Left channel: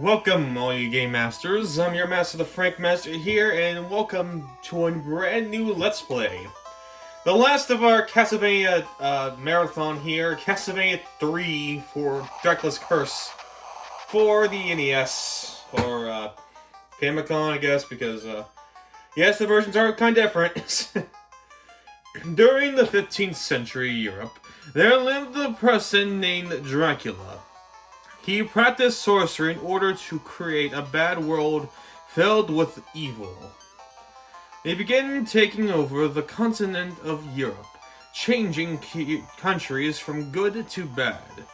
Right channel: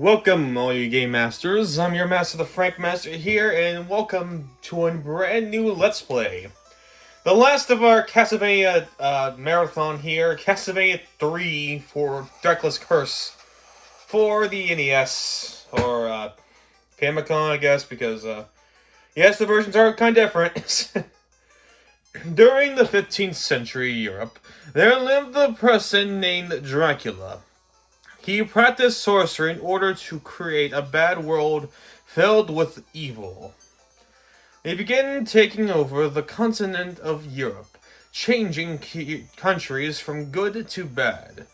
Welcome, all you game masters. I'm your master, the Frank Master here, and welcome to a brand new Let's Play. The last of our Castlevania marathon here, Castlevania 3 for Dracula's Curse for the NES, or Famicom, I guess, because, yes, the versions are kind of different. During the 15th century Europe, there lived a person named Dracula. He practiced sorcery in order to create a bad world filled with evil. They began taking over the continent of Europe, changing countries from good to bad.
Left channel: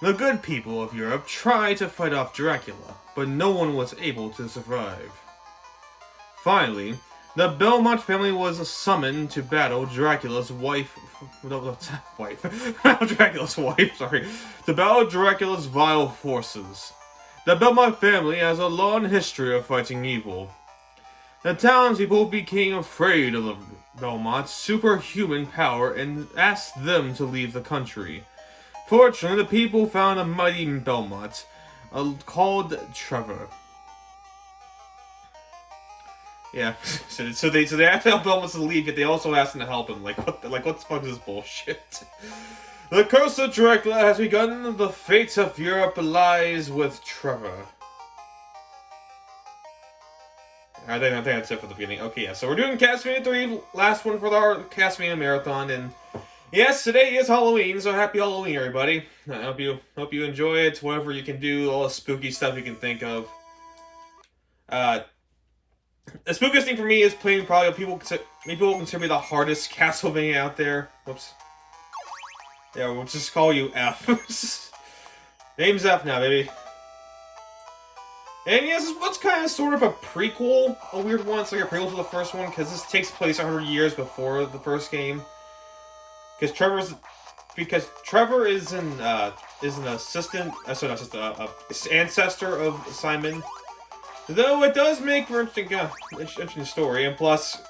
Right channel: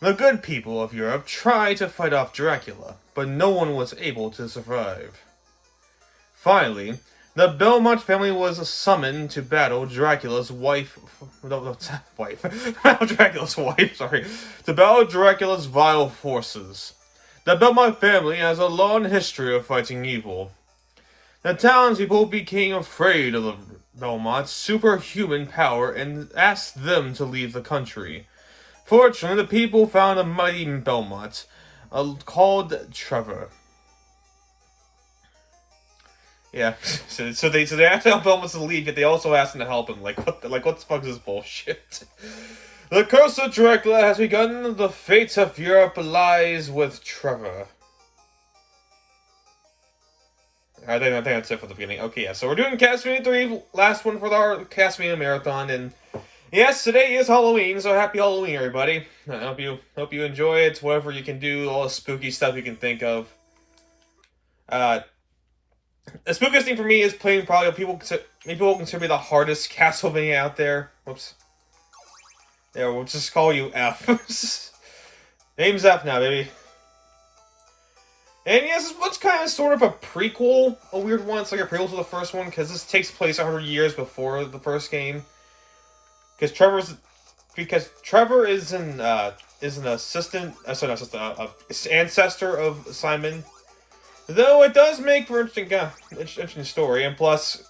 The good people of Europe tried to fight off Dracula, but no one was able to survive. Finally, the Belmont family was summoned to battle Dracula's wife. Dracula's wife, sorry. To battle Dracula's vile forces. The Belmont family has a long history of fighting evil. The townspeople became afraid of the Belmont's superhuman power and asked them to leave the country. Fortunately, the people found a mighty Belmont called Trevor. Yeah, so they asked Belmont to leave, yet they also asked him to help him. Like what the fuck is this bullshit? The curse of Dracula has begun. The fate of Europe lies with Trevor. I think that's it for the beginning. Okay, yeah. So we're doing Castlevania 3, last one for our Castlevania marathon, and yes, today is Halloween. So happy Halloween, everybody! I hope you enjoy it. Whatever you can do, all the spooky stuff you can think of. The spookiest thing for me is playing probably people consider me the hardest Castlevania out there. Whoops. Yeah, we'll just call you F. Name's F now, baby. And yes, this one's kind of sort of a prequel, a weird one. It's like a prequel to the first one because this takes place 100 years before the first game. Because Trevor is an ancestor of Simon. Though it does make for interesting story, and plus,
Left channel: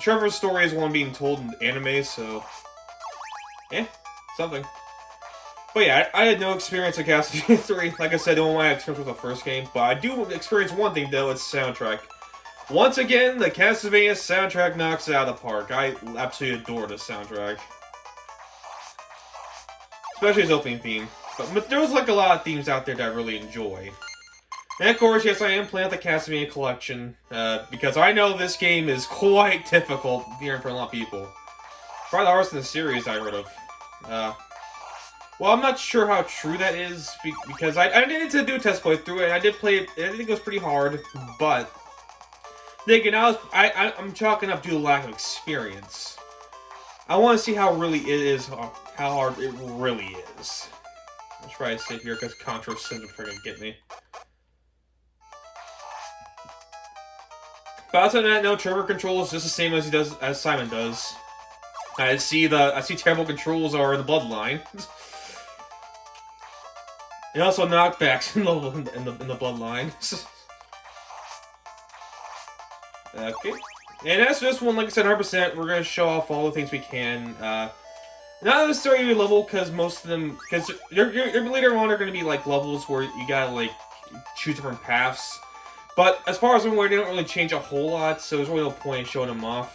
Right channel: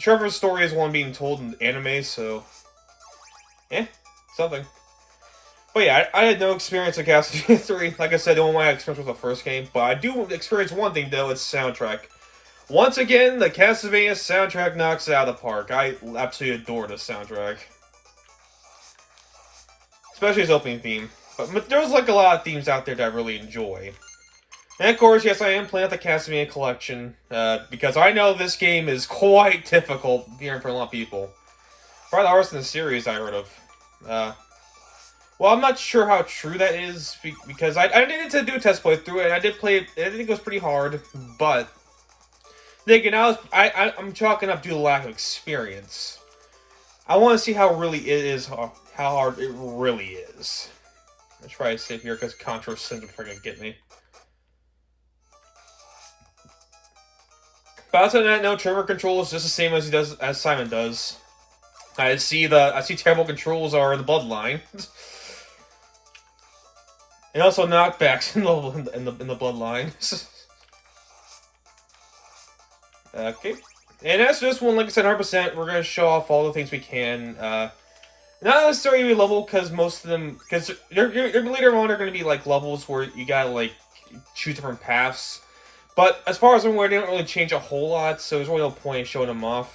Trevor's story is one being told in anime, so something. But yeah, I had no experience with Castlevania 3. Like I said, the only one I had experience with the first game, but I do experience one thing though: it's soundtrack. Once again, the Castlevania soundtrack knocks it out of the park. I absolutely adore this soundtrack, especially its opening theme. But there's like a lot of themes out there that I really enjoy. And of course, yes, I am playing the Castlevania collection, because I know this game is quite difficult hearing for a lot of people. Probably the hardest in the series I heard of. Well, I'm not sure how true that is, because I needed to do a test playthrough, and I did play it, I think it was pretty hard, but thinking I'm chalking up due to lack of experience. I want to see how hard it really is. I'll try to sit here, because Contra seems to freaking get me. But outside of that, no, Trevor controls just the same as Simon does. I see terrible controls are in the bloodline, and also knockbacks in the bloodline. Okay, and as for this one, like I said, 100%, we're gonna show off all the things we can. Not necessarily level, because most of them, because later on are gonna be like levels where you gotta like choose different paths. But as far as I'm aware, they don't really change a whole lot, so there's really no point in showing them off.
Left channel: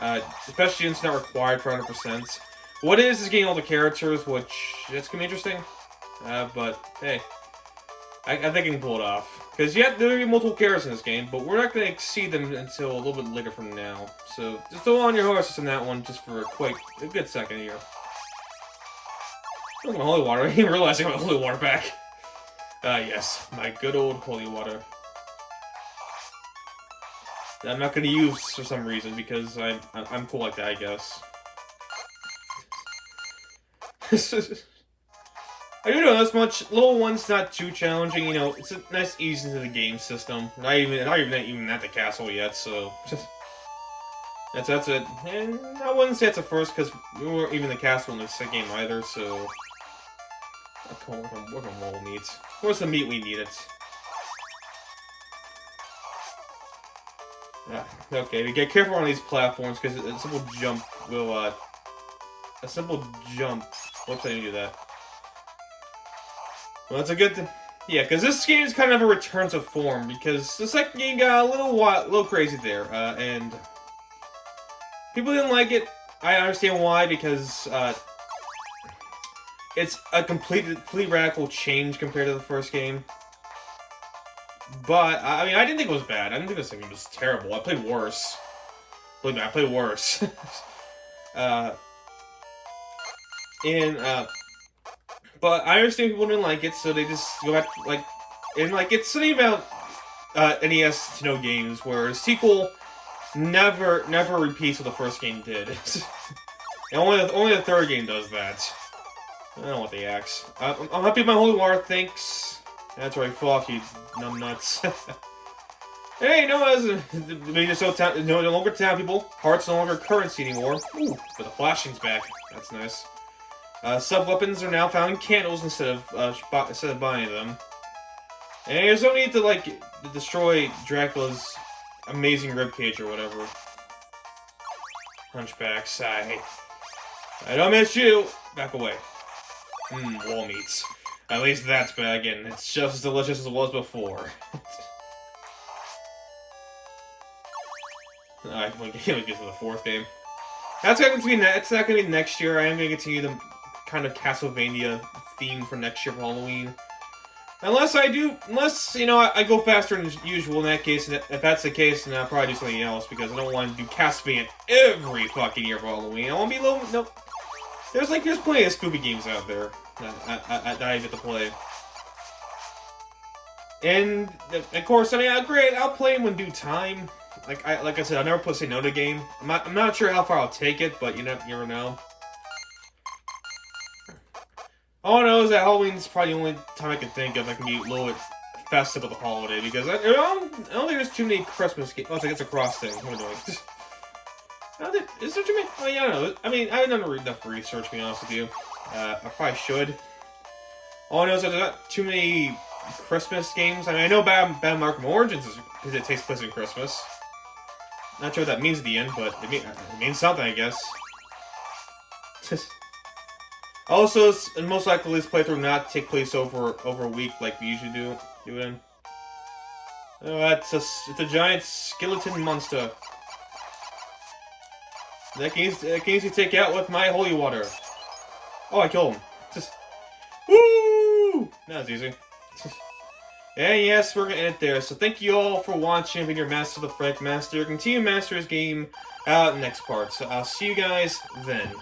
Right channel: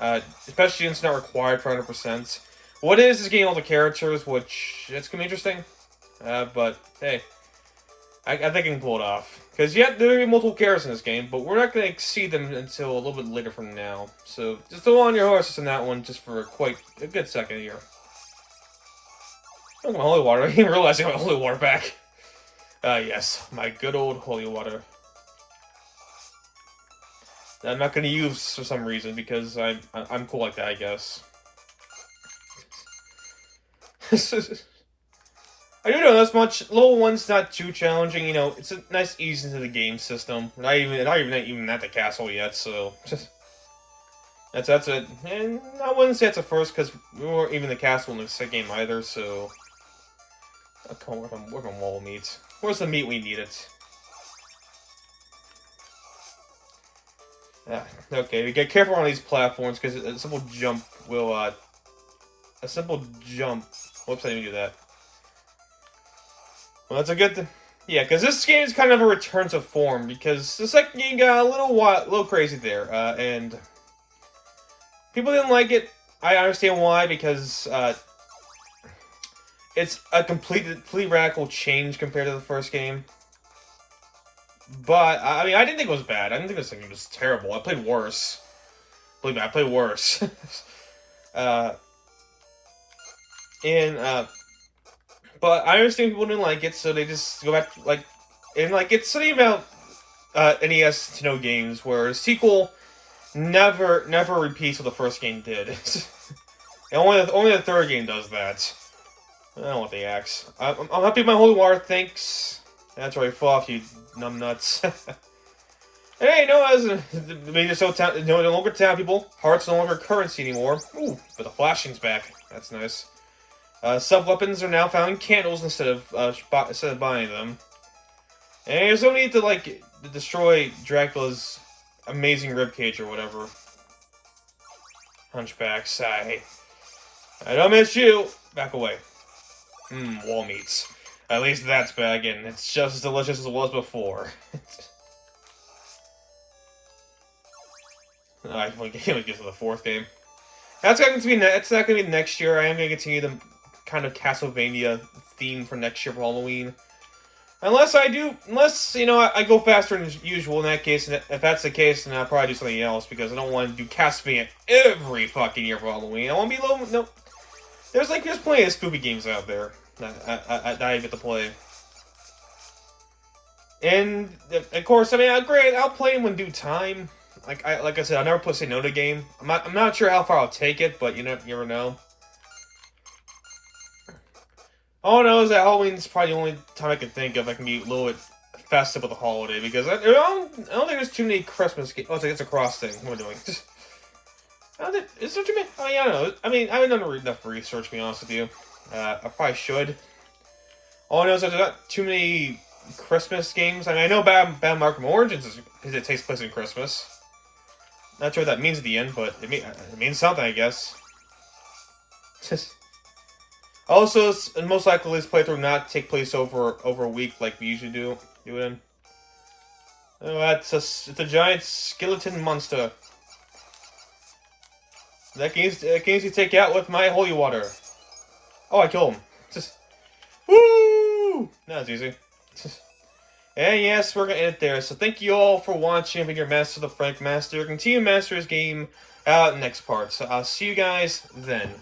Especially since it's not required for 100%. What is getting all the characters, which that's gonna be interesting. But hey, I think I can pull it off. Because there are gonna be multiple characters in this game, but we're not gonna exceed them until a little bit later from now. So just hold on your horses in that one, just for quite a good second here. Look at my holy water. I didn't even realize I got my holy water back. Yes, my good old holy water. That I'm not going to use for some reason, because I'm cool like that, I guess. I do know this much. Level 1's not too challenging, you know, it's a nice ease into the game system. Not even at the castle yet, so that's it. And I wouldn't say it's a first, because we weren't even the castle in the second game either, so where's my mole meat? Where's the meat we needed? Yeah, okay, we get careful on these platforms, because a simple jump will, whoops, I didn't do that. Well, that's a good thing. Yeah, because this game is kind of a return to form, because the second game got a little crazy there, and people didn't like it. I understand why, because it's a completely radical change compared to the first game. But, I mean, I didn't think it was bad. I didn't think this game was terrible. I played worse. Believe me, I played worse. But I understand people didn't like it, so they just go back, like, and, like, it's something about NES to no games, where a sequel never repeats what the first game did. And only the third game does that. I don't know what they axe. I'm happy with my holy water, thanks. That's right, fall off, you numbnuts. Hey, no longer town people. Hearts no longer currency anymore. Ooh, but the flashing's back. That's nice. Sub-weapons are now found in candles instead of buying them. And there's no need to, like, destroy Dracula's amazing ribcage or whatever. Hunchbacks, I don't miss you! Back away. Wall meats. At least that's bad again. It's just as delicious as it was before. I can't get to the fourth game. It's not gonna be next year. I am gonna continue the kind of Castlevania theme for next year for Halloween. Unless, you know, I go faster than usual in that case, and if that's the case, then I'll probably do something else, because I don't want to do Castlevania every fucking year for Halloween. I want to be nope. There's plenty of spooky games out there that I get to play. And, of course, I mean, great, I'll play them in due time. Like I said, I'll never say no to a game. I'm not sure how far I'll take it, but you never know. All I know is that Halloween is probably the only time I can think of I can be a little bit festive with the holiday, because I don't think there's too many Christmas games. Oh, it's a cross thing. What am I doing? Is there too many? Oh, yeah, I don't know. I mean, I haven't done enough research, to be honest with you. I probably should. All I know is that there's not too many Christmas games. I mean, I know Batman Arkham Origins because it takes place in Christmas. Not sure what that means at the end, but it means something, I guess. Also, most likely this playthrough will not take place over a week like we usually do it in. Oh, it's a giant skeleton monster. That can easily take out with my holy water. Oh, I killed him. Woo! That was easy. And yes, we're gonna end it there. So thank you all for watching. I've been your Master the Frank Master. Continue Master's game out next part. So I'll see you guys then.